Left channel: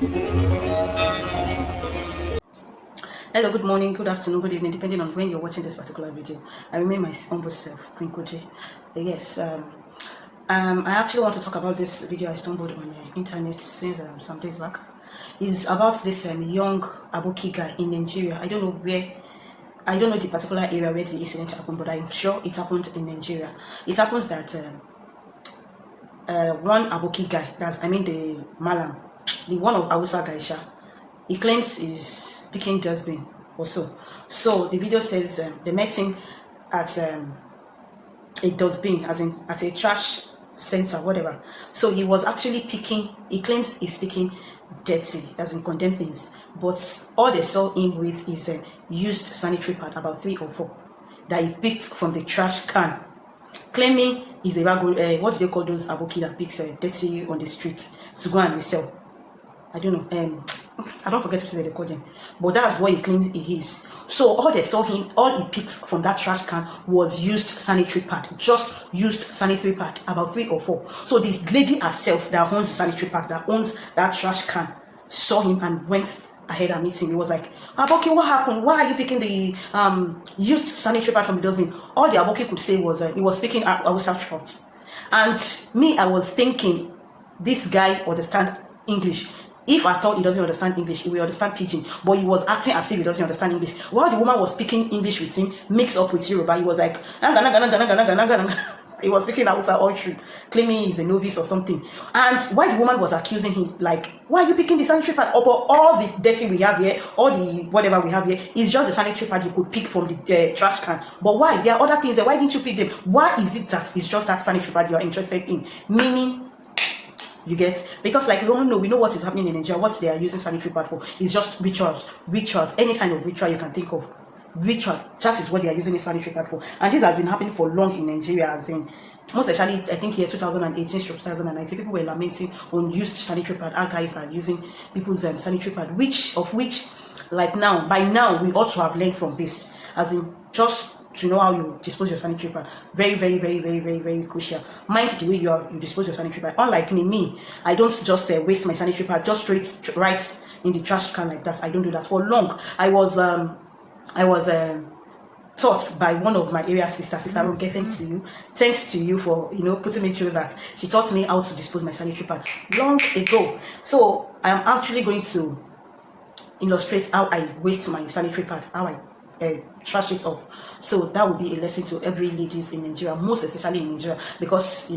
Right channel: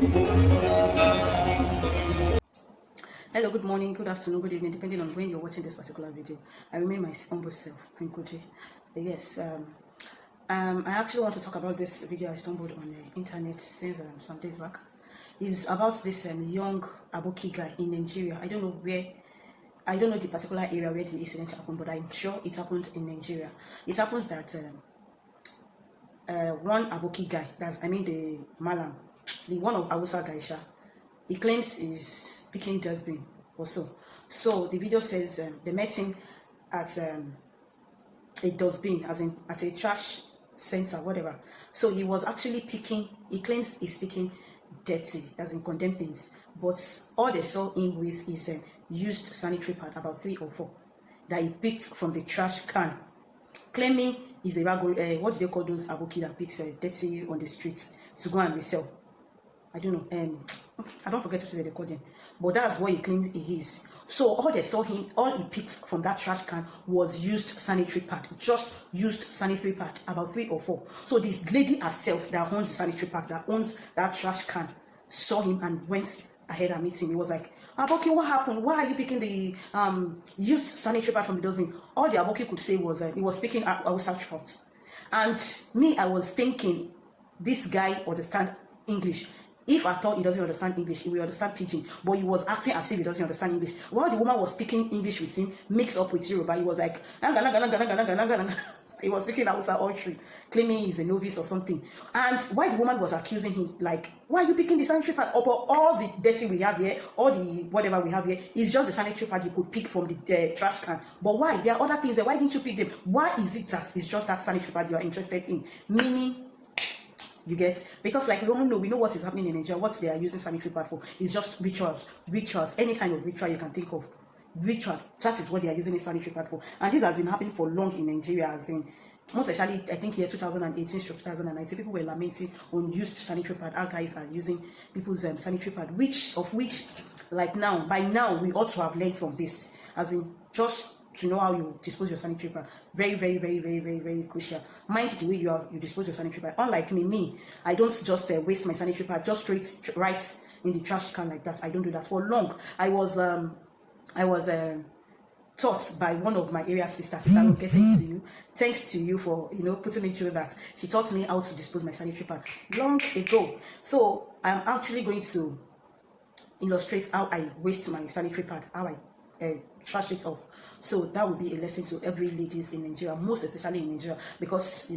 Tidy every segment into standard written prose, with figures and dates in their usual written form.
Hello, good morning, good afternoon, good evening, depending on when you're watching this particular video. I remain my humble self, Queen Koji. Yes, I actually want to talk about this video I stumbled on the internet since some days back. It's about this young Aboki guy in Nigeria. I don't know the particular area where the incident happened, but I'm sure it happened in Nigeria. It happens that one Aboki guy, the Malam, the one of Hausa Gaisha, he claims is picking dustbin or so. So the video says they met him at a dustbin, as in at a trash center, whatever. So he was actually picking, he claims he's picking dirty, as in condemned things. But all they saw him with is a used sanitary pad, about 3 or 4, that he picked from the trash can, claiming he's a what do they call those Aboki that picks dirty on the street to go and resell? I don't know. I don't forget what they call them, but that's what he claims he is. So all they saw him, all he picked from that trash can was used sanitary pad, just used sanitary pad, about 3 or 4. So this lady herself that owns the sanitary pad, that owns that trash can, saw him and went ahead and meet him. He was like, Aboki, what happened? Why are you picking the used sanitary pad from the dustbin? All the Aboki could say was he was speaking Hausa trout. And me, I was thinking this guy understand English. If I thought he doesn't understand English, he will understand Pidgin. But he was acting as if he doesn't understand English. While the woman was speaking English with him, mixed up with Yoruba, he was like, he was speaking Hausa all through, claiming he's a novice or something. And while the woman was accusing him, like, why are you picking the sanitary pad? All the dirty we have here, all the whatever we have here, is just the sanitary pad you could pick from the trash can. But why? There are other things there. Why didn't you pick them? Why is it that it's just that sanitary pad you are interested in? Meaning, you get, because like we know what is happening in Nigeria. What they are using sanitary pad for is just rituals, any kind of ritual you can think of. Rituals, that is what they are using the sanitary pad for. And this has been happening for long in Nigeria, as in most especially I think here 2018 to 2019, people were lamenting on used sanitary pad. Our guys are using people's sanitary pad, which like by now we ought to have learned from this, as in just to know how you dispose your sanitary pad. Very crucial. Mind the way you dispose your sanitary pad. Unlike me, I don't just waste my sanitary pad just straight right in the trash can like that. I don't do that. For long, I was taught by one of my area sisters. Okay, thanks to you for putting me through that. She taught me how to dispose my sanitary pad long ago. So I am actually going to illustrate how I waste my sanitary pad, how I trash it off. So that would be a lesson to every ladies in Nigeria, most especially in Nigeria, because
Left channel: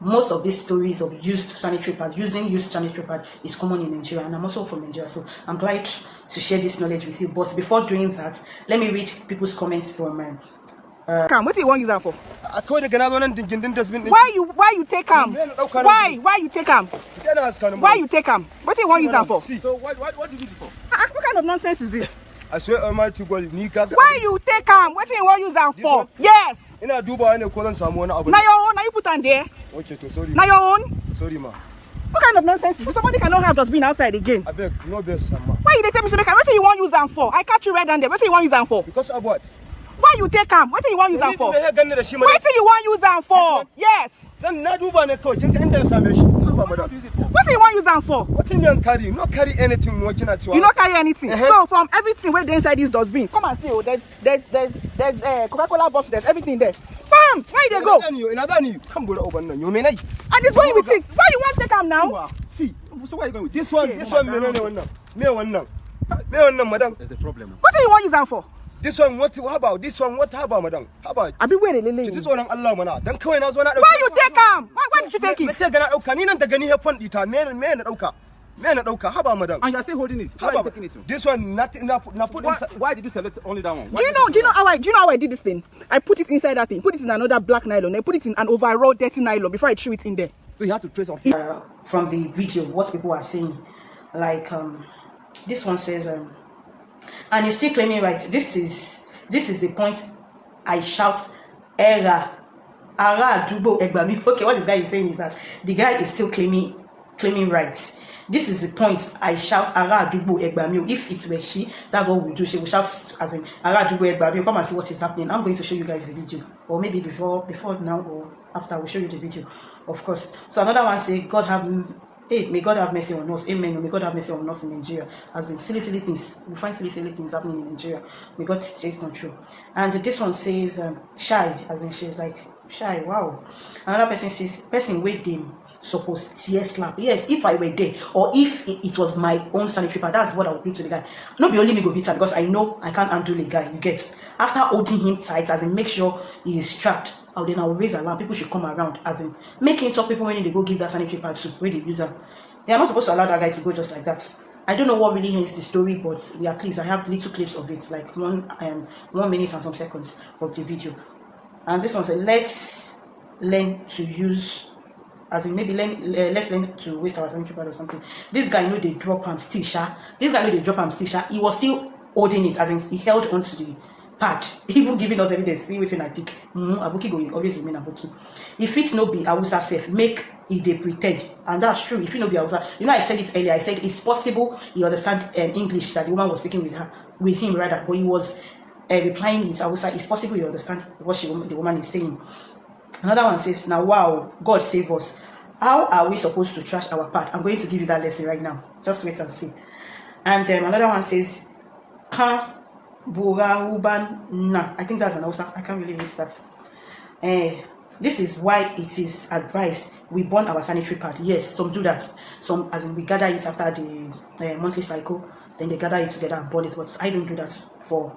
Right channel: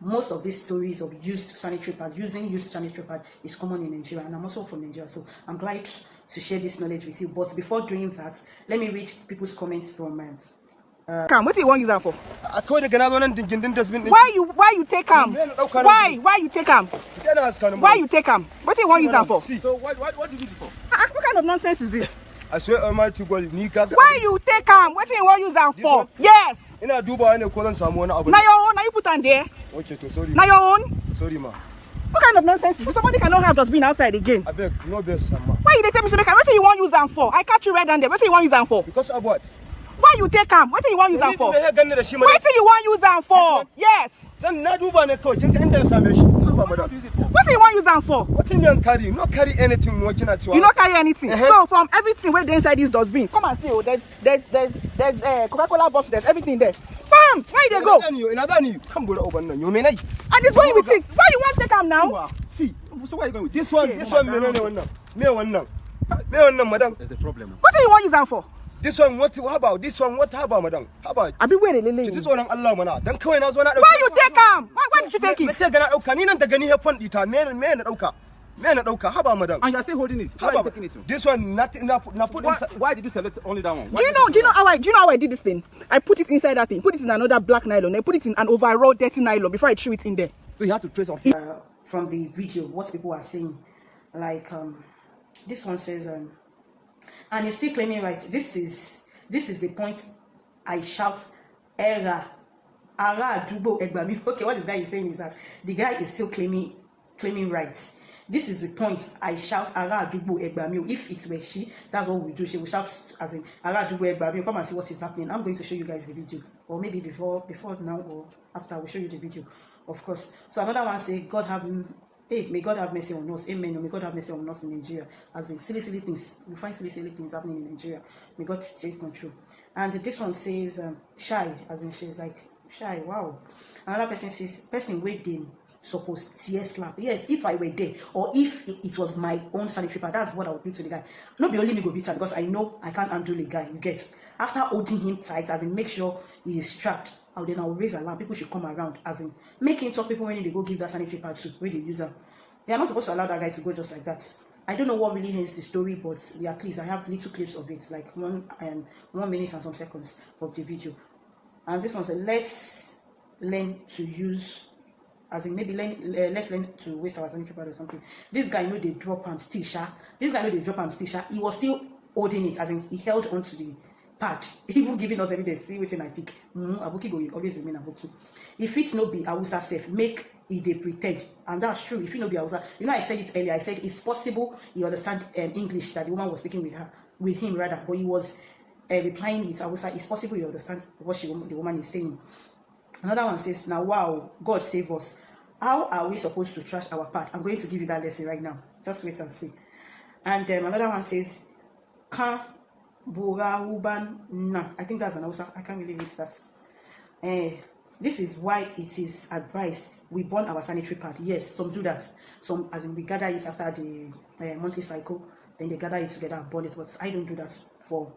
most of these stories of using used sanitary pad is common in Nigeria, and I'm also from Nigeria, so I'm glad to share this knowledge with you. But before doing that, let me read people's comments from what do you want to use that for? Why you take him? Why you take him? Why you take him? What do you want to use that for? So what do you need it for? What kind of nonsense is this? I swear Almighty God, why you take him? What do you want to use that for? Yes. Ina duba ne ko zan samu wani abu. Now your own, now you put on there. Okay, to sorry. Now your own. Sorry ma. What kind of nonsense is this? Somebody cannot have just been outside again. I beg, no best ma. Why you tell me so make? What do you want to use them for? I catch you red on there. What do you want to use them for? Because of what? Why you take them? What do you want to use them for? What do you want to use them for? Yes. San na duba ne ko kin ga inda na same shi. What do you want to use them for? What do you carry? Not carry anything working at you. You not carry anything. So from everything where they inside this dustbin, come and see. Oh, there's Coca-Cola box. There's everything there. Bam! Where they go? Come go over now. You mean and this going with it. Why you want to take them now? See. So why you going with this one? This one, me one now, madam. There's a problem. What do you want to use them for? This one, what? How about this one? What? How about madam? How about? I be waiting, Lily. This one, Allah, mana. Then kawai na zo na. Why you take them? Why did you take it? Let's say gana dauka. Ni nan da gani he fon dita. Me na dauka. Me na dauka. How about madam? And you are still holding it. How are you taking it? This one, not put inside. Why did you select only that one? Do you know how I did this thing? I put it inside that thing. Put it in another black nylon. I put it in an overall dirty nylon before I threw it in there. So you have to trace something. From the video, what people are saying, like this one says, and he's still claiming right. This is the point. I shout, "Era, ara, dubo, egbami." Okay, what this guy is saying is that the guy is still claiming rights. This is the point. I shout, "Ara, dubo, egbami." If it were she, that's what we do. She will shout as in, "Ara, dubo, egbami." Come and see what is happening. I'm going to show you guys the video, or maybe before now or after. I will show you the video, of course. So another one say, "God have Hey, may God have mercy on us. Amen. May God have mercy on us in Nigeria. As in silly things, we find silly things happening in Nigeria. May God take control. And this one says shy, as in she's like shy. Wow. Another person says person with them supposed tear slap. Yes, if I were there, or if it was my own sanitary pad, that's what I would do to the guy. Not be only me go beat her, because I know I can't handle a guy. You get, after holding him tight, as in make sure he is strapped. Then I will raise alarm. People should come around, as in making talk people when they go give that sanitary pad to where they use them. They are not supposed to allow that guy to go just like that. I don't know what really ends the story, but at least I have little clips of it, like 1 minute and some seconds of the video. And this one said, let's learn to use, as in maybe let's learn to waste our sanitary pad or something. This guy know they drop him still, sha. This guy know they drop him still, sha. He was still holding it, as in he held onto the pad, even giving us evidence. See wetin I pick. Aboki go always remain Aboki. If it no be Hausa self, make it they pretend, and that's true. If it no be Hausa, you know, I said it earlier. I said it's possible he understand English, that the woman was speaking with him rather, but he was replying with Hausa. It's possible you understand what the woman is saying. Another one says, now wow, God save us. How are we supposed to trash our part? I'm going to give you that lesson right now. Just wait and see. And another one says, I think that's an Hausa. I can't really read that. This is why it is advised we burn our sanitary pad. Yes, some do that. Some, as in we gather it after the monthly cycle, then they gather it together and burn it. But I don't do that for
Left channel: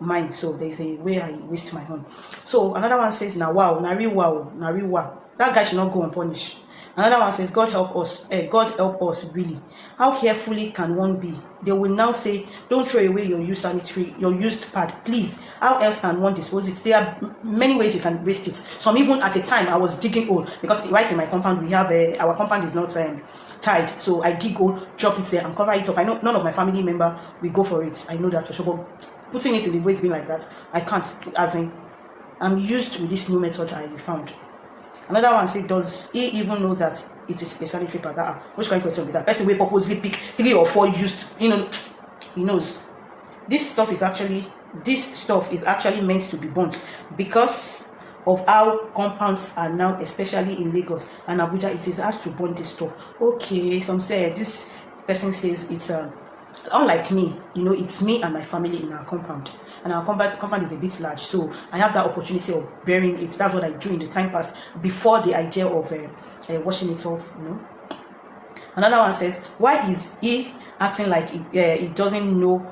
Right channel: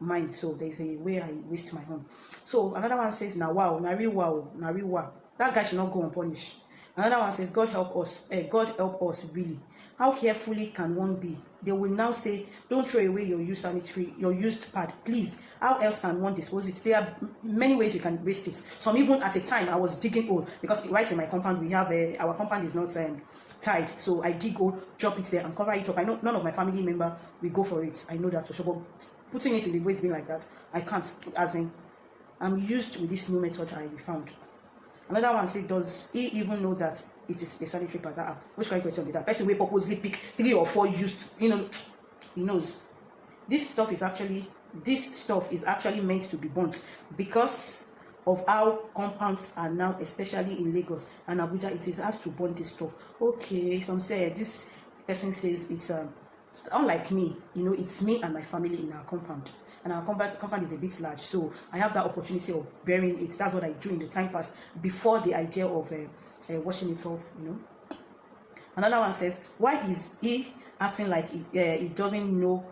mine. So there's a way I waste my own. So another one says, now wow, nari wow. That guy should not go unpunished. Another one says, God help us. God help us, really. How carefully can one be? They will now say, don't throw away your used pad, please. How else can one dispose it? There are many ways you can waste it. Some even at a time, I was digging hole, because right in my compound, we have our compound is not tied. So I dig hole, drop it there and cover it up. I know none of my family member will go for it. I know that for sure, but putting it in the waste bin like that, I can't. As in, I'm used with this new method I found. Another one says, does he even know that it is a sanitary pad? Which kind of question be that? Person will purposely pick 3 or 4 used, he knows. This stuff is actually meant to be burnt, because of how compounds are now, especially in Lagos and Abuja. It is hard to burn this stuff. Okay, some say, this person says it's unlike me, it's me and my family in our compound. And our compound is a bit large, so I have that opportunity of burying it. That's what I do in the time past, before the idea of washing it off. Another one says, why is he acting like he doesn't know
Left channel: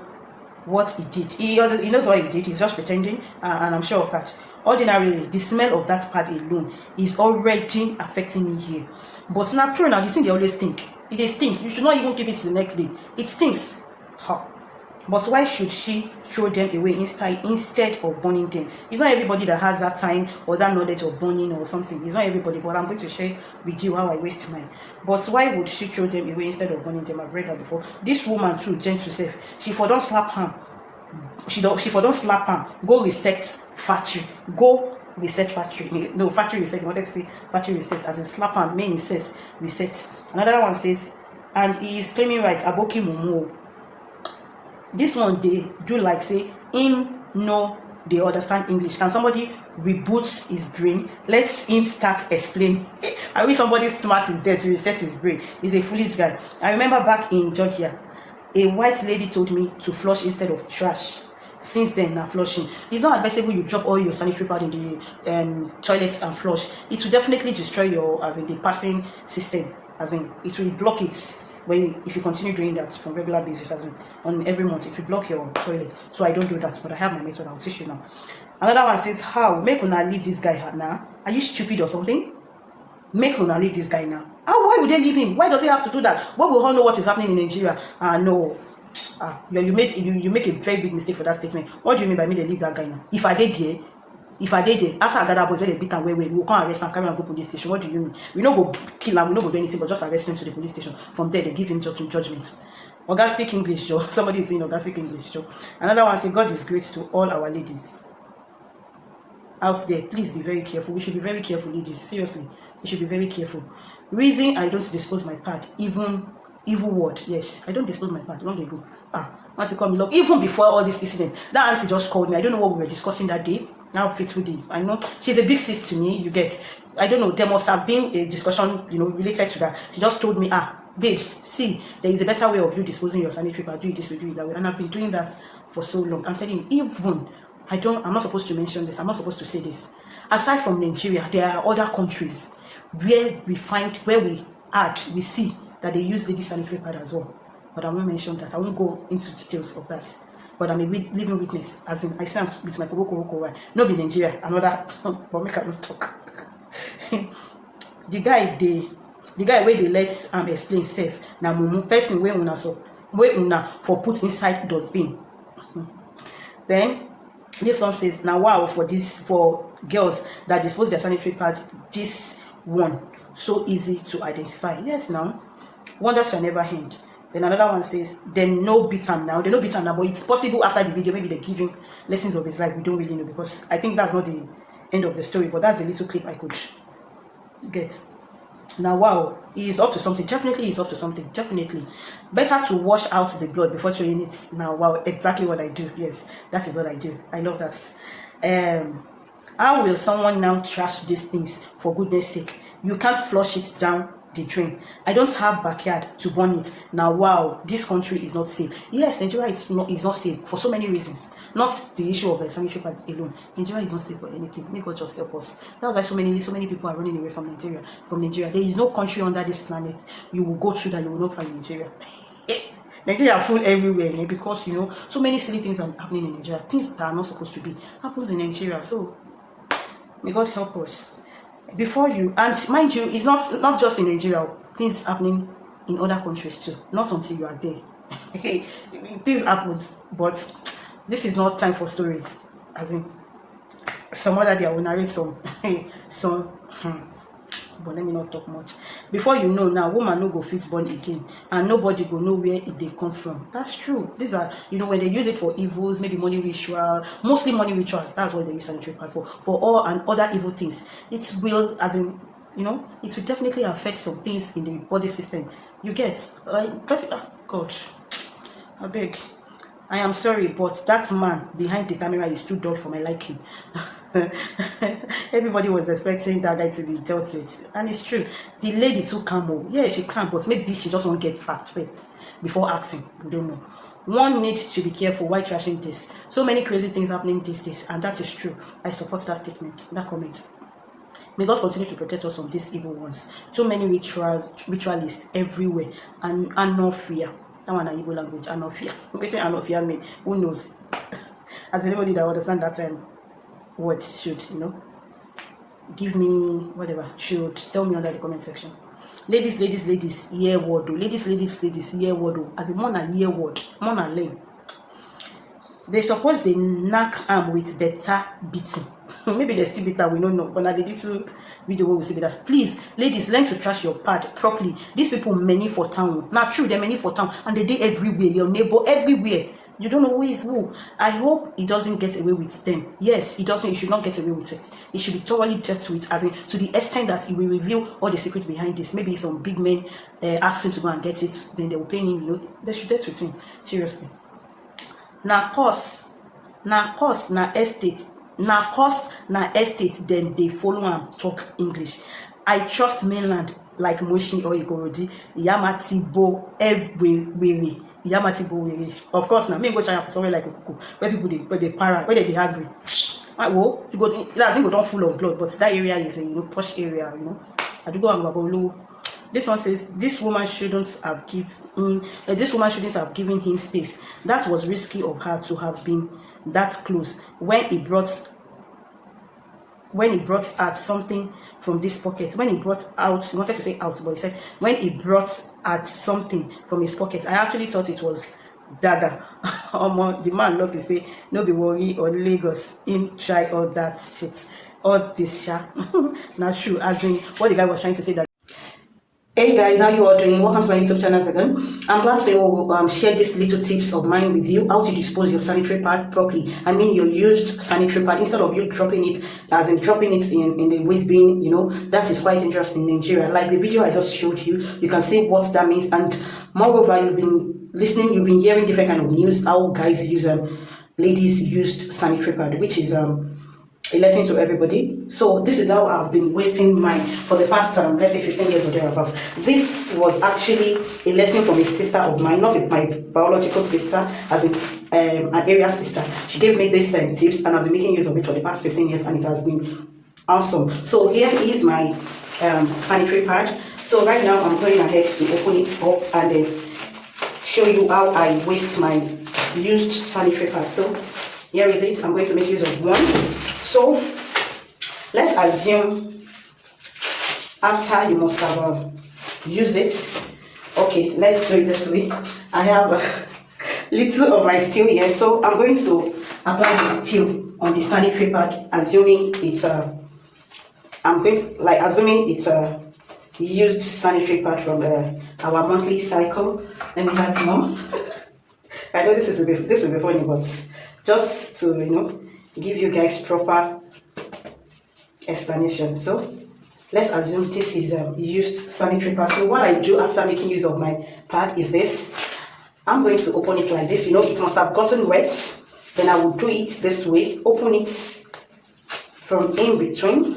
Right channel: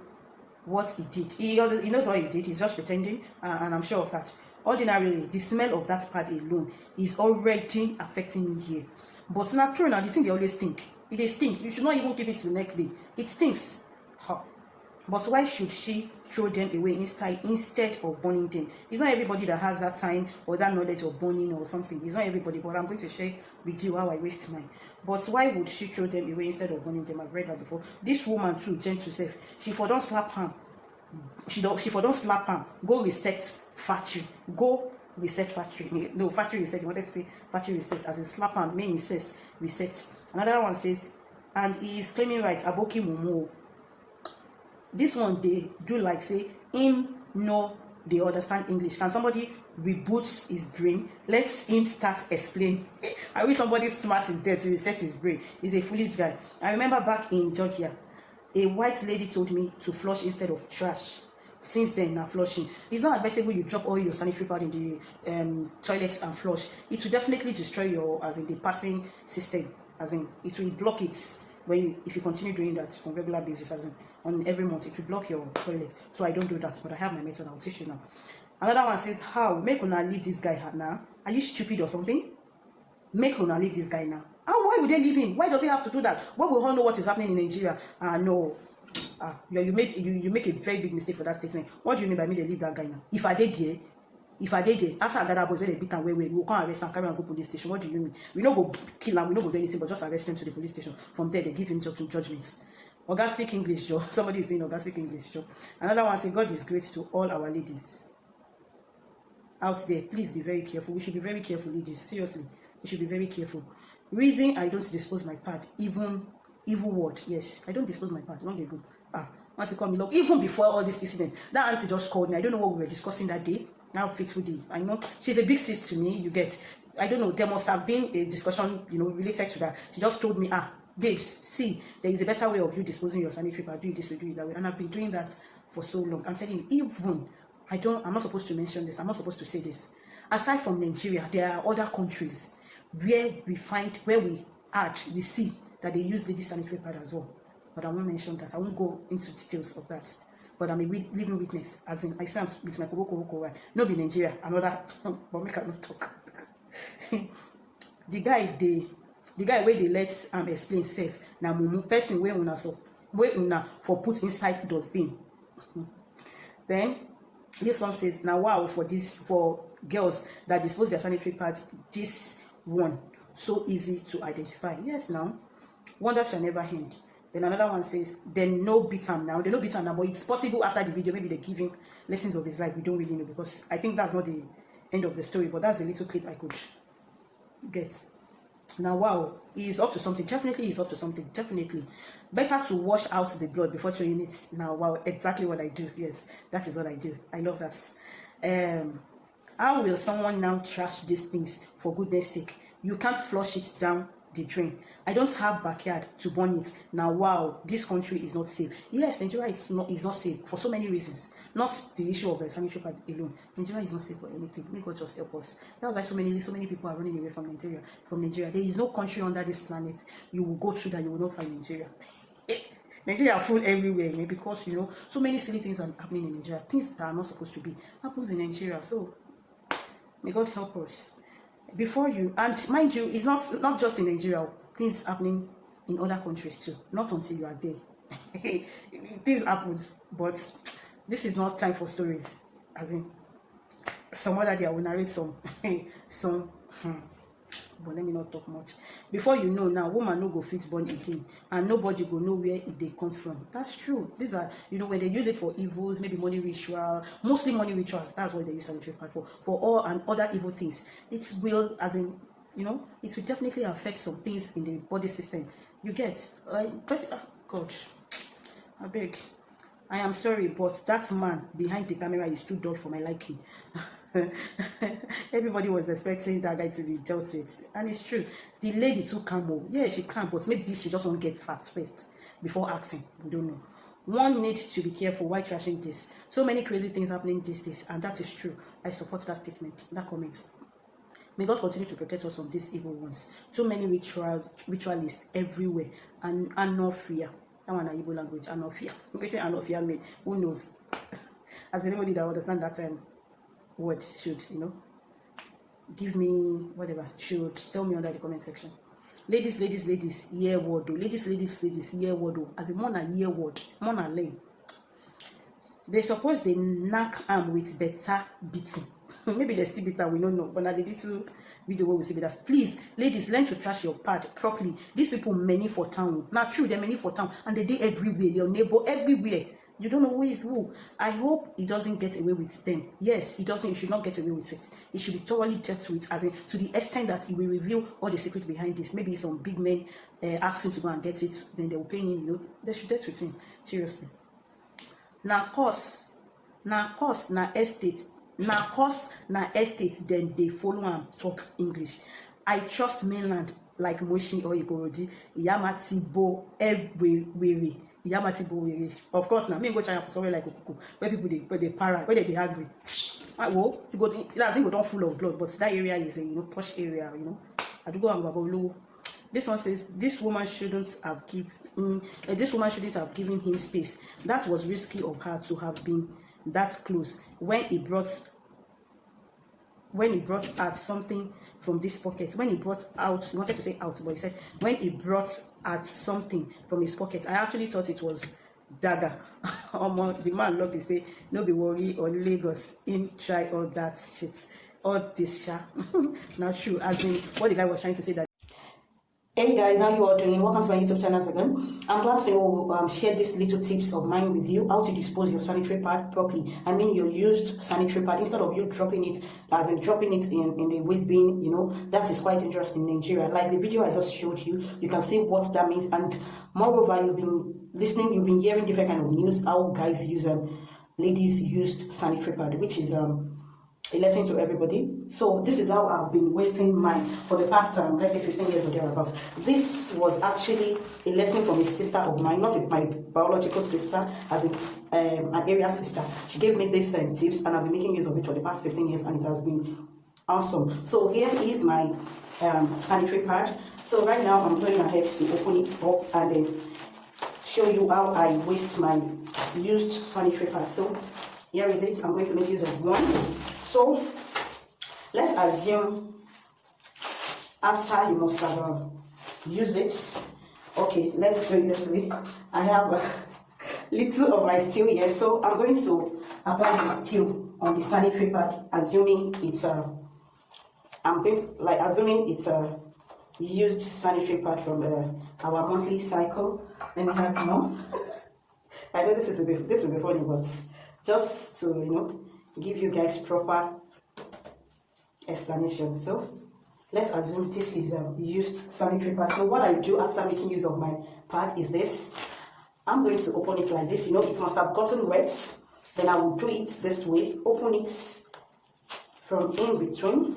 what he did? He knows what he did. He's just pretending, and I'm sure of that. Ordinarily, the smell of that pad alone is already affecting me here. But now, true, now the thing they always think, it stinks. You should not even keep it to the next day. It stinks. But why should she throw them away instead of burning them? It's not everybody that has that time or that knowledge of burning or something. It's not everybody, but I'm going to share with you how I waste mine. But why would she throw them away instead of burning them? I've read that before. This woman too, gentle self, she for don't slap her. She for don't slap her. Go reset factory. Go reset factory. No, factory reset. I wanted to say factory reset. As in slap her, main says reset. Another one says, and he is claiming rights. Aboki mumu. This one they do like say him no they understand English. Can somebody reboot his brain? Let him start explaining. I wish somebody smart is there to reset his brain. He's a foolish guy. I remember back in Georgia, a white lady told me to flush instead of trash. Since then, now flushing. It's not advisable you drop all your sanitary pad in the toilets and flush. It will definitely destroy your, as in the passing system. As in, it will block it. If you continue doing that on regular basis, as in on every month, it will block your toilet. So I don't do that, but I have my method. I'll teach you now. Another one says, how make una leave this guy now? Are you stupid or something? Make una leave this guy now. Why would they leave him? Why does he have to do that? Why we all know what is happening in Nigeria? No. You make a very big mistake for that statement. What do you mean by me they leave that guy now? If I did there, after I gather boys where they beat and we will come arrest and carry and go police station. What do you mean? We not go kill him, we not go do anything but just arrest him to the police station. From there they give him judgment. Oga speak English, Joe. Somebody is saying Oga speak English, Joe. Another one says, God is great to all our ladies out there. Please be very careful. We should be very careful, ladies. Seriously, we should be very careful. Reason I don't dispose my pad, even evil word. Yes, I don't dispose my pad. Long ago. Once you call me love, even before all this incident, that auntie just called me. I don't know what we were discussing that day. how faithful the, I know she's a big sis to me, you get. I don't know, there must have been a discussion, you know, related to that. She just told me, babes, see, there is a better way of you disposing your sanitary pad. Do it this way, do it that way. And I've been doing that for so long. I'm telling you, even, I'm not supposed to mention this, I'm not supposed to say this. Aside from Nigeria, there are other countries where we see that they use lady sanitary pad as well. But I won't mention that. I won't go into details of that. But I'm a living witness, as in I stand with my koboko. No be Nigeria, another, but make I not talk. the guy where they let explain safe. Now mumu person where una for put inside dustbin. Then this one says, now wow, for girls that dispose their sanitary pads, this one so easy to identify. Yes, now wonders shall never end. Then another one says, they no beat him now, but it's possible after the video, maybe they're giving lessons of his life. We don't really know, because I think that's not the end of the story, but that's the little clip I could get. Now wow, he is up to something. Definitely he's up to something. Definitely better to wash out the blood before showing it. Now wow, exactly what I do. Yes, that is what I do. I love that. How will someone now trash these things? For goodness sake, you can't flush it down the drain. I don't have backyard to burn it. Now wow, this country is not safe. Yes, Nigeria is not safe for so many reasons, not the issue of a sanitary pad alone. Nigeria is not safe for anything. May God just help us. That's why so many people are running away from Nigeria. There is no country under this planet you will go to that you will not find Nigeria. Nigeria are full everywhere, because you know so many silly things are happening in Nigeria. Things that are not supposed to be happens in Nigeria. So may God help us. Before you, and mind you, it's not just in Nigeria, things happening in other countries too. Not until you are there. Things happens, but this is not time for stories. As in, some other day I will narrate some. But let me not talk much. Before you know, now woman no go fit born again, and nobody go know where they come from. That's true. These are, you know, when they use it for evils, maybe money ritual, mostly money rituals. That's what they use sanitary pad for. For all and other evil things, it will, as in, you know, it will definitely affect some things in the body system. You get, God, I beg. I am sorry, but that man behind the camera is too dull for my liking. Everybody was expecting that guy to be dealt with, and it's true. The lady too calm. Yeah, she can, but maybe she just won't get facts first before asking. We don't know. One needs to be careful while trashing this. So many crazy things happening these days, and that is true. I support that statement, that comment. May God continue to protect us from these evil ones. So many ritualists everywhere, and no fear. That one is Igbo language, and no fear. Basically, and no fear mean, who knows? As anybody that understand that word should, you know, give me whatever, should tell me under the comment section. Ladies, hear word. Ladies, hear word. As a man and hear word, man and learn. They suppose they knock arm with better beating. Maybe they still better, we don't know. But now the little video where we see that. Please, ladies, learn to trash your pad properly. These people many for town. Now true, they're many for town, and they do everywhere. Your neighbor everywhere. You don't know who is who. I hope he doesn't get away with them. Yes, he doesn't. He should not get away with it. It should be thoroughly dealt with, as in to the extent that he will reveal all the secrets behind this. Maybe some big men ask him to go and get it. Then they will pay him. You know, they should deal with him seriously. Na estate. Then they follow and talk English. I trust mainland like Moshi or Ikorodi, Yamatibo everywhere. Of course, now me go try somewhere like Okuku, where people they para, where they be hungry. Well, you go, that thing go down full of blood, but that area is a posh area, you know. I do go and go. This one says this woman shouldn't have given him space. That was risky of her to have been that close when he brought out something from this pocket. When he brought out, he wanted to say out, but he said when he brought out something from his pocket. I actually thought it was dagger. The man looked to say, no be worry or Lagos, him try all that shit, all this shit. Not true, as in what the guy was trying to say that. Hey guys, how you all doing? Welcome to my YouTube channel again. I'm glad to share these little tips of mine with you, how to dispose your sanitary pad properly. I mean your used sanitary pad, instead of you dropping it, as in dropping it in the waste bin, you know, that is quite dangerous in Nigeria. Like the video I just showed you, you can see what that means. And moreover, you've been hearing different kind of news, how guys use ladies used sanitary pad, which is a lesson to everybody. So this is how I've been wasting mine for the past let's say 15 years or thereabouts. This was actually a lesson from a sister of mine, not my biological sister, as in an area sister. She gave me these tips, and I've been making use of it for the past 15 years, and it has been awesome. So here is my sanitary pad. So right now I'm going ahead to open it up and show you how I waste my used sanitary pad. So here is it. I'm going to make use of one. So let's assume after you must have used it. Okay, let's do it this way. I have little of my steel here, so I'm going to apply the steel on the sanitary pad, assuming it's assuming it's a used sanitary pad from our monthly cycle. Let me have more. I know this will be funny, but just to give you guys proper explanation. So let's assume this is a used sanitary pad. So what I do after making use of my pad is this. I'm going to open it like this. It must have gotten wet. Then I will do it this way. Open it from in between.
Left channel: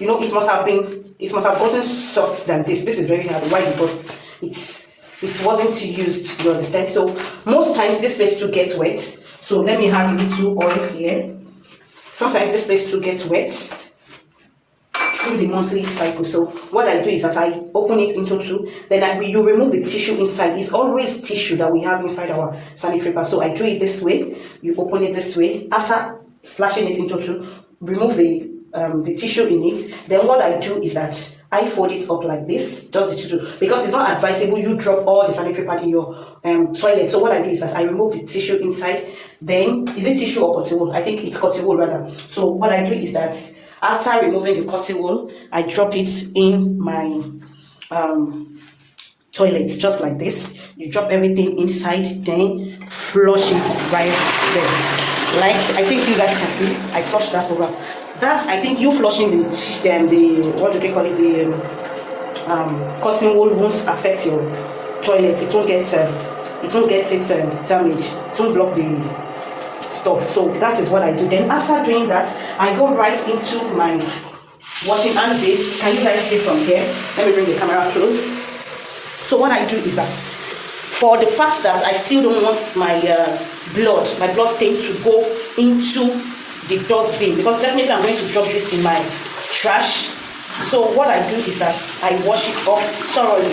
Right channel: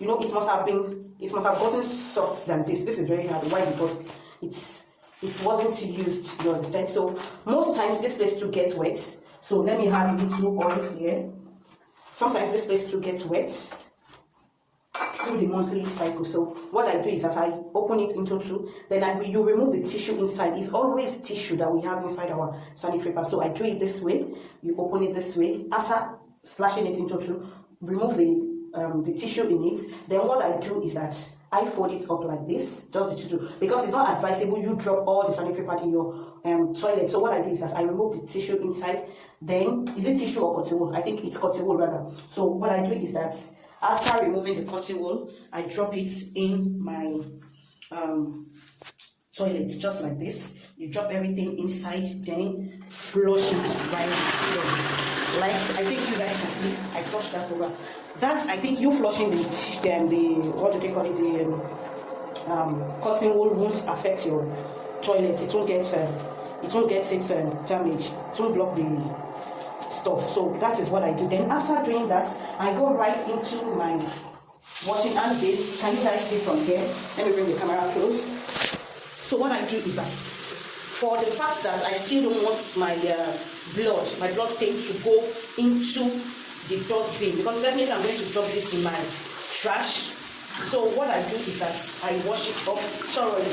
It must have gotten soft than this. This is very hard. Why? Because it wasn't used, you understand? So most times this place too gets wet. So let me have a little oil here. Sometimes this place too gets wet through the monthly cycle. So what I do is that I open it into two, then you remove the tissue inside. It's always tissue that we have inside our sanitary pad. So I do it this way. You open it this way. After slashing it into two, remove the tissue in it. Then what I do is that I fold it up like this, just the tissue, because it's not advisable you drop all the sanitary pad in your toilet. So what I do is that I remove the tissue inside. Then is it tissue or cotton wool? I think it's cotton wool rather. So what I do is that after removing the cotton wool, I drop it in my toilet, just like this. You drop everything inside, then flush it right there. Like I think you guys can see, I flush that over. That's, I think you flushing the what do they call it, the cotton wool won't affect your toilet. It won't get it damaged. It won't block the stuff. So that is what I do. Then after doing that, I go right into my washing hand base. Can you guys see from here? Let me bring the camera close. So what I do is that, for the fact that I still don't want my blood stain to go into the dustbin, because definitely I'm going to drop this in my trash. So what I do is that I wash it off thoroughly.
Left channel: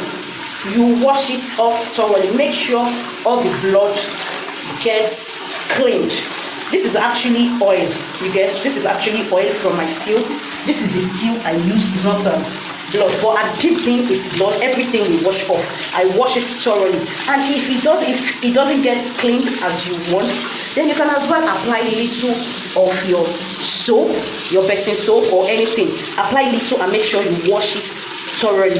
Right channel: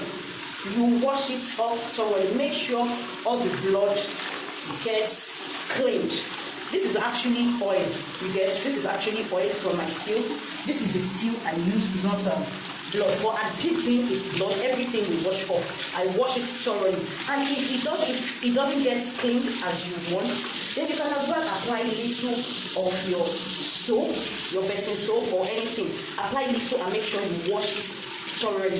You wash it off thoroughly. Make sure all the blood gets cleaned. This is actually oil. You guys, this is actually oil from my steel. This is the steel I use. It's not blood, but I did think it's blood. Everything we wash off, I wash it thoroughly. And if it doesn't get clean as you want, then you can as well apply a little of your soap, your bathing soap or anything. Apply little and make sure you wash it thoroughly,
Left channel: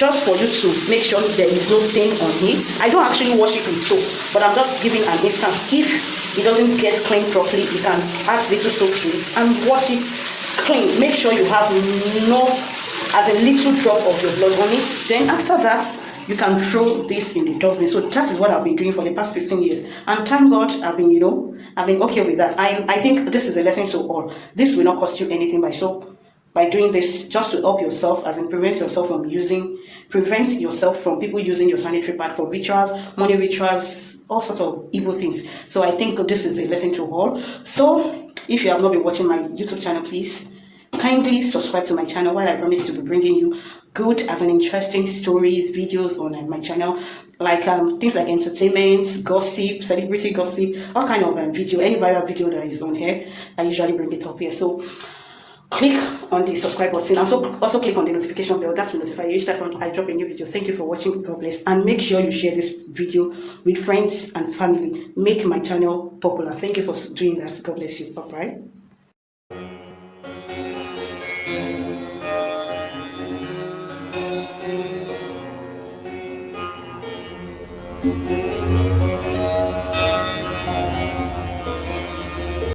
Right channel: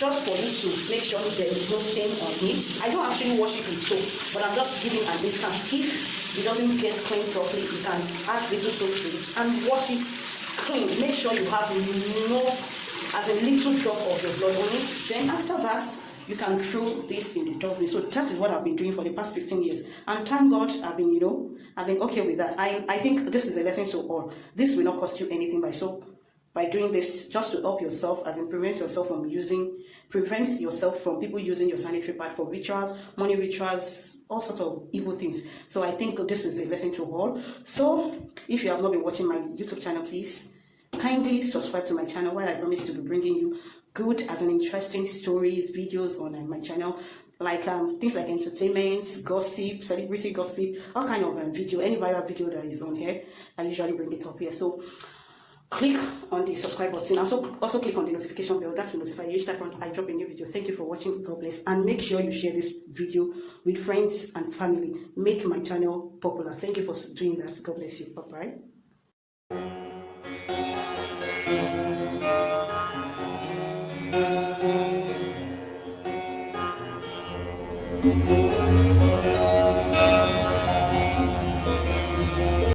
just for you to make sure there is no stain on it. I don't actually wash it with soap, but I'm just giving an instance. If it doesn't get clean properly, you can add little soap to it and wash it clean. Make sure you have a little drop of your blood on it. Then after that, you can throw this in the dustbin. So that is what I've been doing for the past 15 years. And thank God I've been okay with that. I think this is a lesson to all. This will not cost you anything by doing this, just to help yourself, as in prevent yourself from people using your sanitary pad for rituals, money rituals, all sorts of evil things. So I think this is a lesson to all. So if you have not been watching my YouTube channel, please kindly subscribe to my channel, while I promise to be bringing you good as an interesting stories, videos on my channel, like things like entertainment, gossip, celebrity gossip, all kind of video, any viral video that is on here. I usually bring it up here. So click on the subscribe button. Also click on the notification bell. That will notify you each time I drop a new video. Thank you for watching. God bless. And make sure you share this video with friends and family. Make my channel popular. Thank you for doing that. God bless you. Bye bye.